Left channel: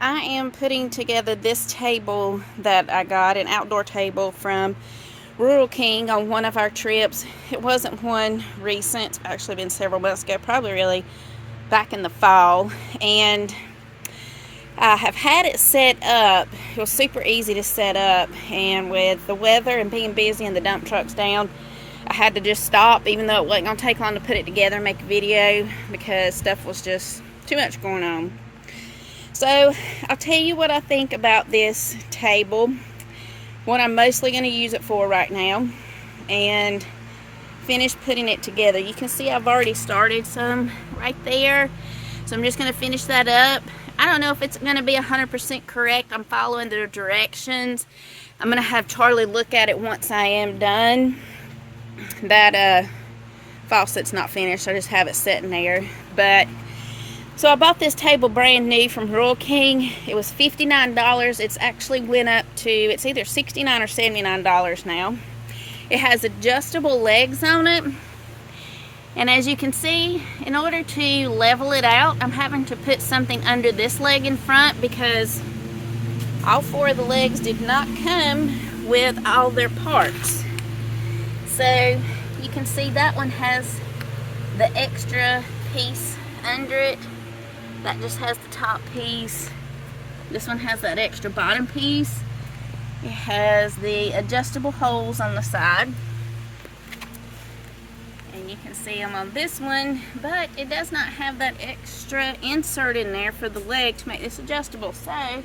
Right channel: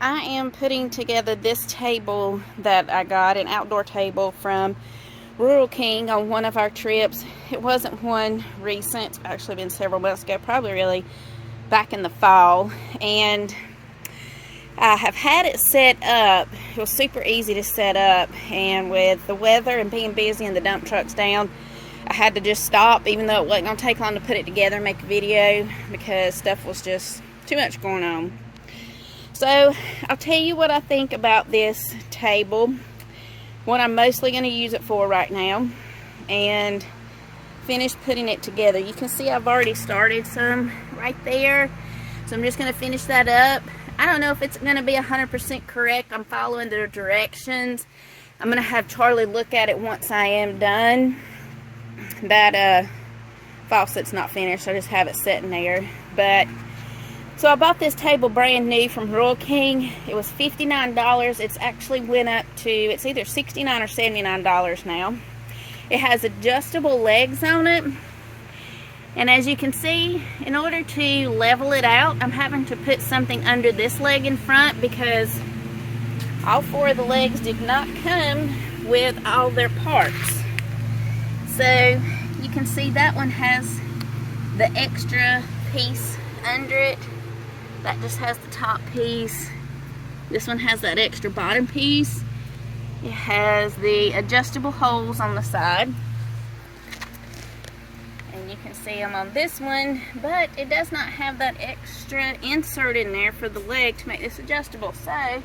I am putting together this table that I got, an outdoor table from Rural King on one of our trips. It wasn't one recent, it's actually been several months ago, probably really back in the fall. And I have had it set up. It was super easy to set up, and with the weather and being busy and the dump trucks down, I had to just stop, even though it wasn't going to take long to put it together and make a video because stuff was just too much going on. So I'll tell you what I think about this table, what I'm mostly going to use it for right now, and finish putting it together. You can see I've already started some right there, so I'm just going to finish that up. I don't know if it's going to be 100% correct. I'm following the directions. I'm going to have Charlie look at it once I am done. That faucet's not finished, I just have it sitting there. But so I bought this table brand new from Rural King. It was $59. It's actually went up to, it's either $69 or $79 now. It has adjustable legs on it. And as you can see, in order to level it out, I'm having to put something under this leg in front because all four of the legs did not come with all their parts. So you can see that one has the extra piece under it. That just has the top piece. This one has that extra bottom piece. It has the adjustable holes on the side. And you can see them on this one, but it does not have that extra insert in there for the leg to make this adjustable. So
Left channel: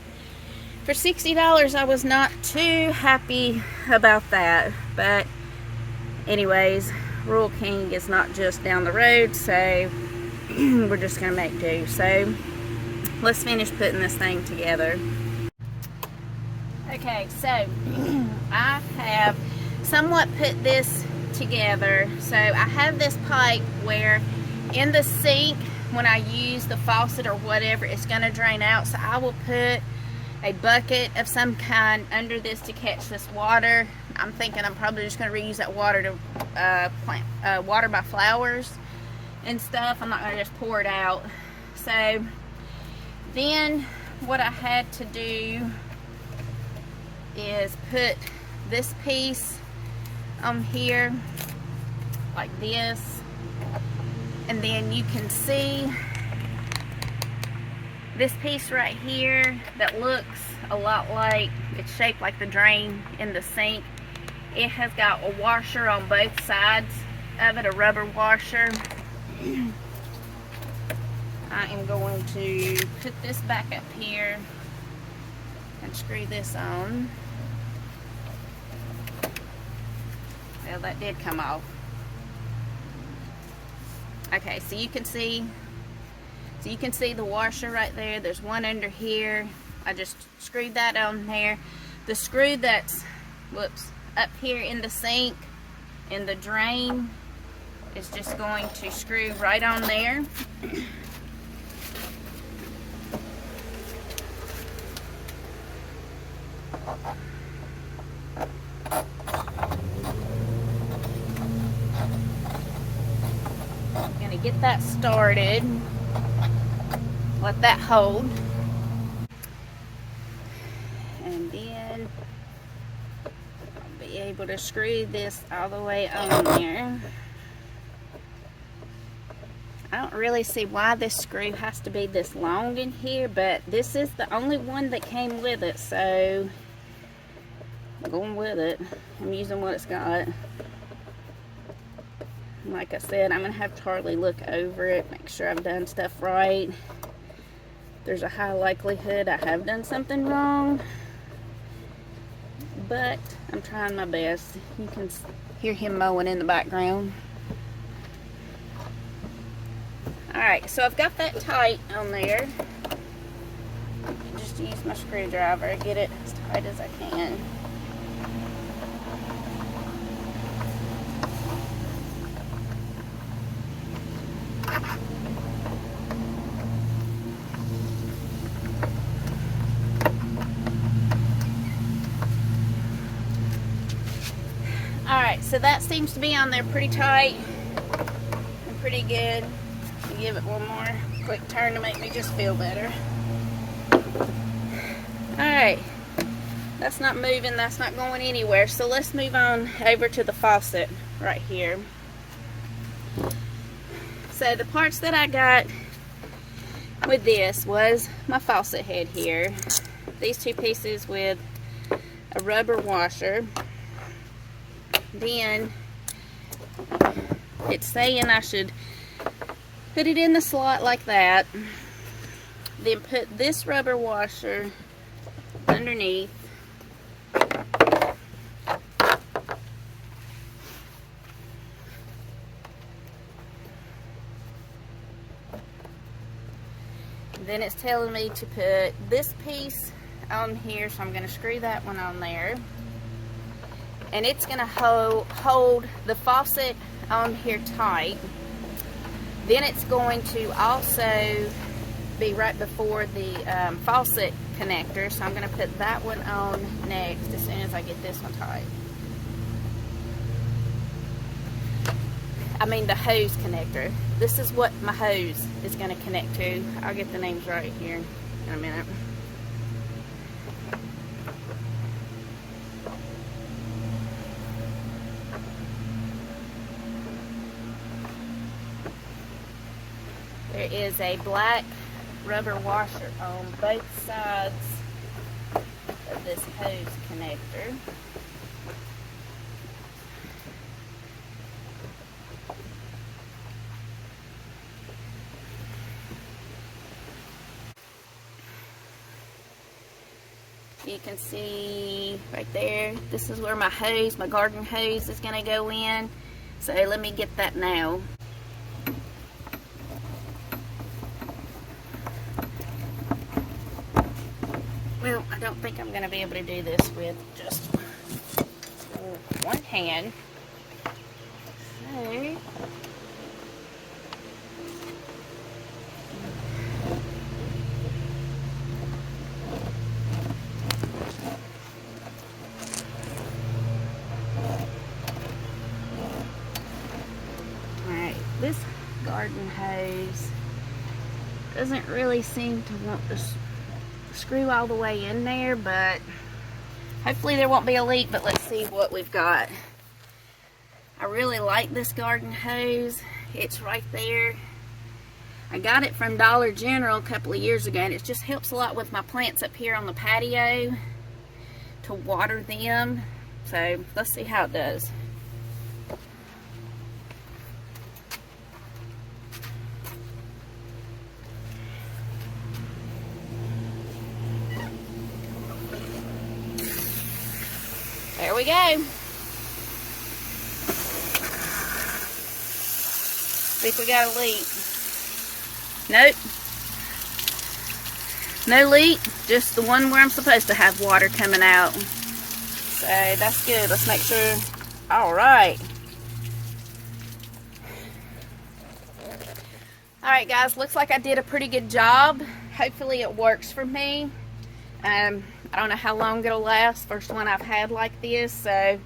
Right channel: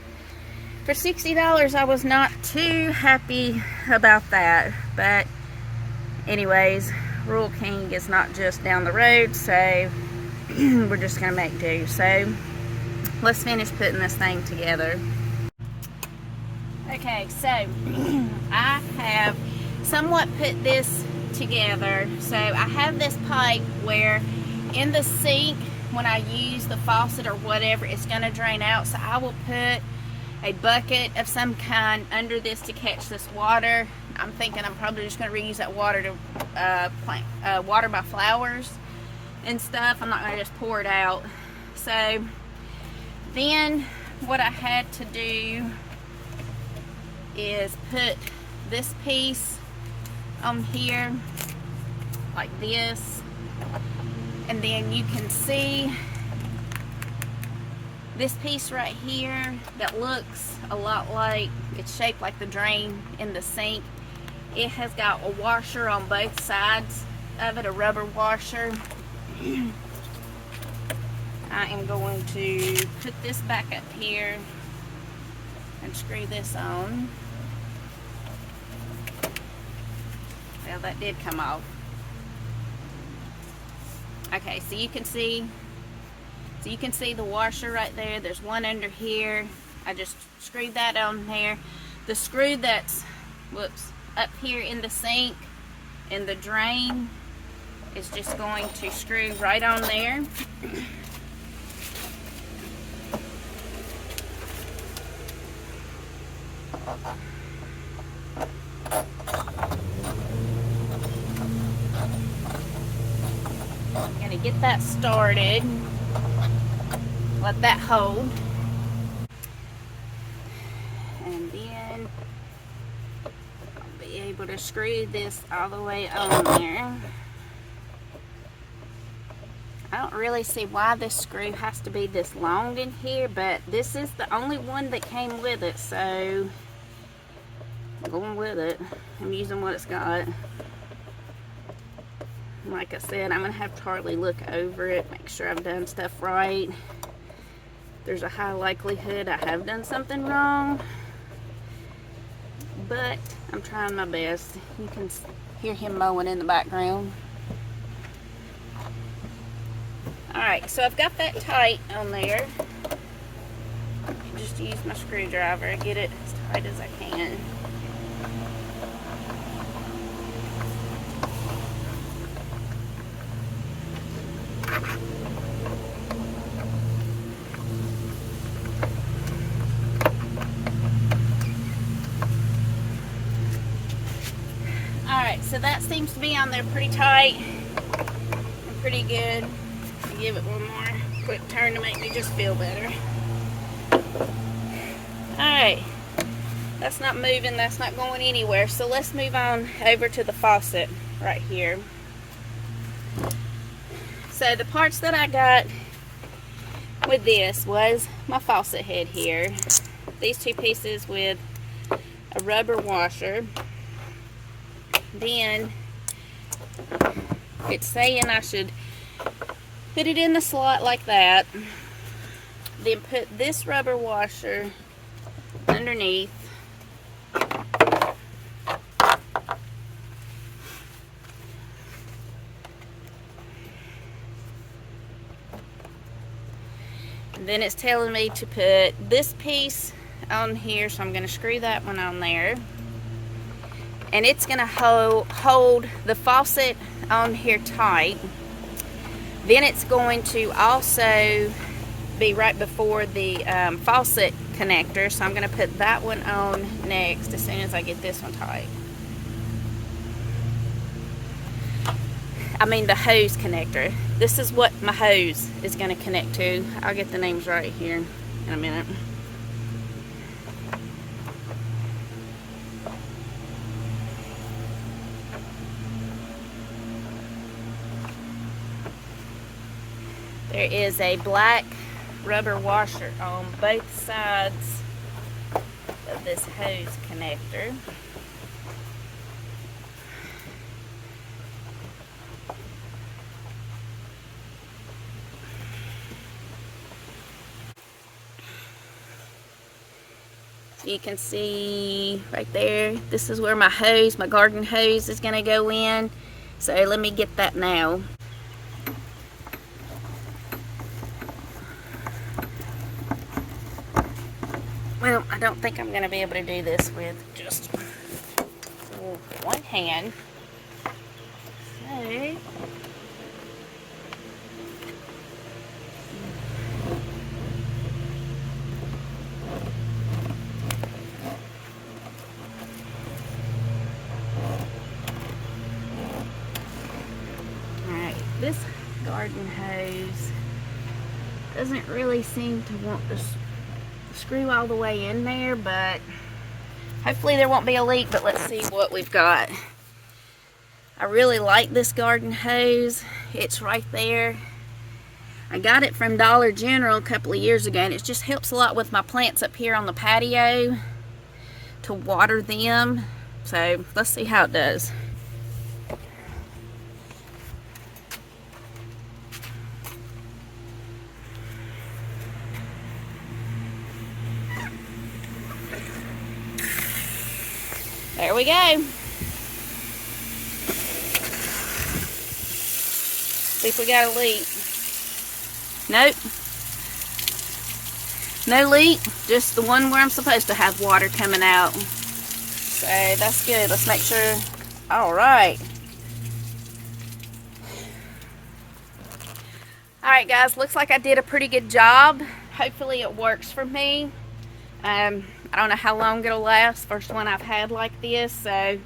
for $60, I was not too happy about that. But anyways, Rural King is not just down the road, so we're just gonna make do. So let's finish putting this thing together. Okay, so I have somewhat put this together. So I have this pipe where in the sink, when I use the faucet or whatever, it's gonna drain out. So I will put a bucket of some kind under this to catch this water. I'm thinking I'm probably just gonna reuse that water to water my flowers and stuff. I'm not gonna just pour it out. So then what I had to do is put this piece on here like this, and then you can see this piece right here that looks a lot like, it's shaped like the drain in the sink. It has got a washer on both sides of it, a rubber washer. I am going to put this back up here and screw this on. Well, that did come off. Okay, so you can see the washer right there. There's one under here. I just screwed that on there. The screw that's, up here in the sink, in the drain, is just going to screw right on there. I'm gonna get that started. Let that hold. And then I'll be able to screw this all the way on there. I don't really see why this screw has to be this long in here, but this is the only one that came with it, so I'm going with it. I'm using what it's got. Like I said, I'm going to have Charlie look over it, make sure I've done stuff right. There's a high likelihood I have done something wrong, but I'm trying my best. You can hear him mowing in the background. Alright, so I've got that tight on there. I just use my screwdriver to get it as tight as I can. Alright, so that seems to be on there pretty tight and pretty good. I'll give it one more quick turn to make me just feel better. that's not moving, that's not going anywhere. So let's move on over to the faucet right here. So the parts that I got with this was my faucet head here. These two pieces with a rubber washer. Then it's saying I should put it in the slot like that. Then put this rubber washer underneath. Then it's telling me to put this piece on here, so I'm going to screw that one on there. And it's going to hold the faucet on here tight. Then it's going to also be right before the faucet connector, so I'm going to put that one on next as soon as I get this one tight. I mean the hose connector. This is what my hose is going to connect to. I'll get the names right here in a minute. There is a black rubber washer on both sides of this hose connector. You can see right there, this is where my hose, my garden hose is going to go in. So let me get that now. Well, I don't think I'm going to be able to do this with just one hand. Okay. Alright, this garden hose doesn't really seem to want to screw all the way in there, but hopefully there won't be a leak. But let's see what we've got. I really like this garden hose. It's right there. I got it from Dollar General a couple of years ago, and it just helps a lot with my plants up here on the patio to water them. So let's see how it does. There we go. See if we got a leak. Nope. No leak, just the one where I'm supposed to have water coming out. So that's good. Let's make sure. Alright. Alright guys, looks like I did a pretty good job. Hopefully it works for me. I don't know how long it'll last. First one I've had like this, so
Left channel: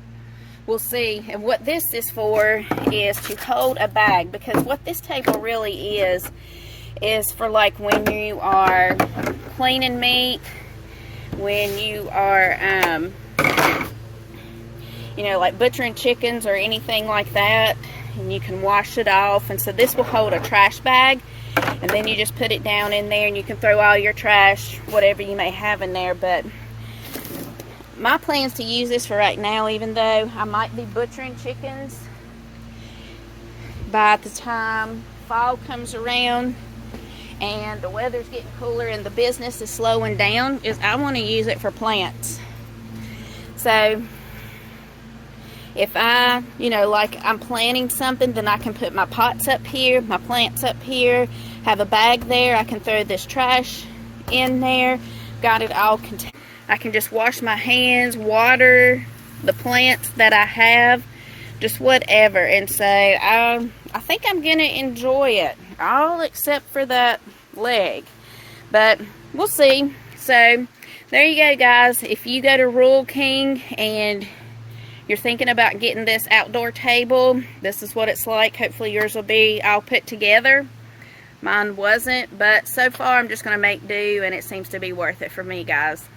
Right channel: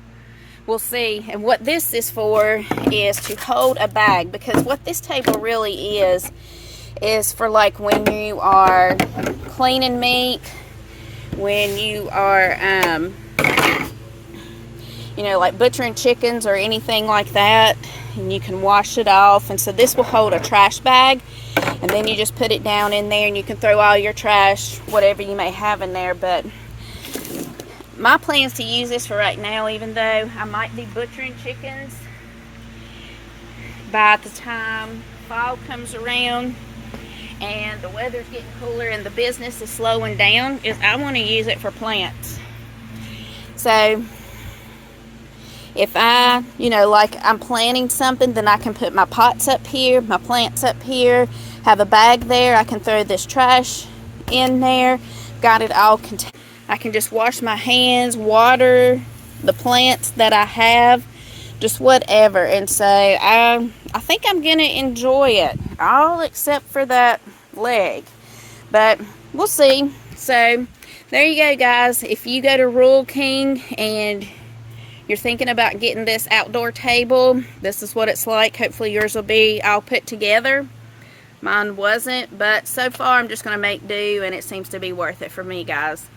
we'll see. And what this is for is to hold a bag, because what this table really is for like when you are cleaning meat, when you are you know, like butchering chickens or anything like that, and you can wash it off. And so this will hold a trash bag, and then you just put it down in there and you can throw all your trash, whatever you may have in there. But my plan is to use this for right now, even though I might be butchering chickens by the time fall comes around and the weather's getting cooler and the business is slowing down. Is I want to use it for plants. So if I, you know, like I'm planting something, then I can put my pots up here, my plants up here, have a bag there. I can throw this trash in there. Got it all contained. I can just wash my hands, water the plants that I have, just whatever. And so I think I'm going to enjoy it, all except for that leg. But we'll see. So there you go, guys. If you go to Rural King and you're thinking about getting this outdoor table, this is what it's like. Hopefully yours will be all put together. Mine wasn't, but so far I'm just going to make do, and it seems to be worth it for me, guys.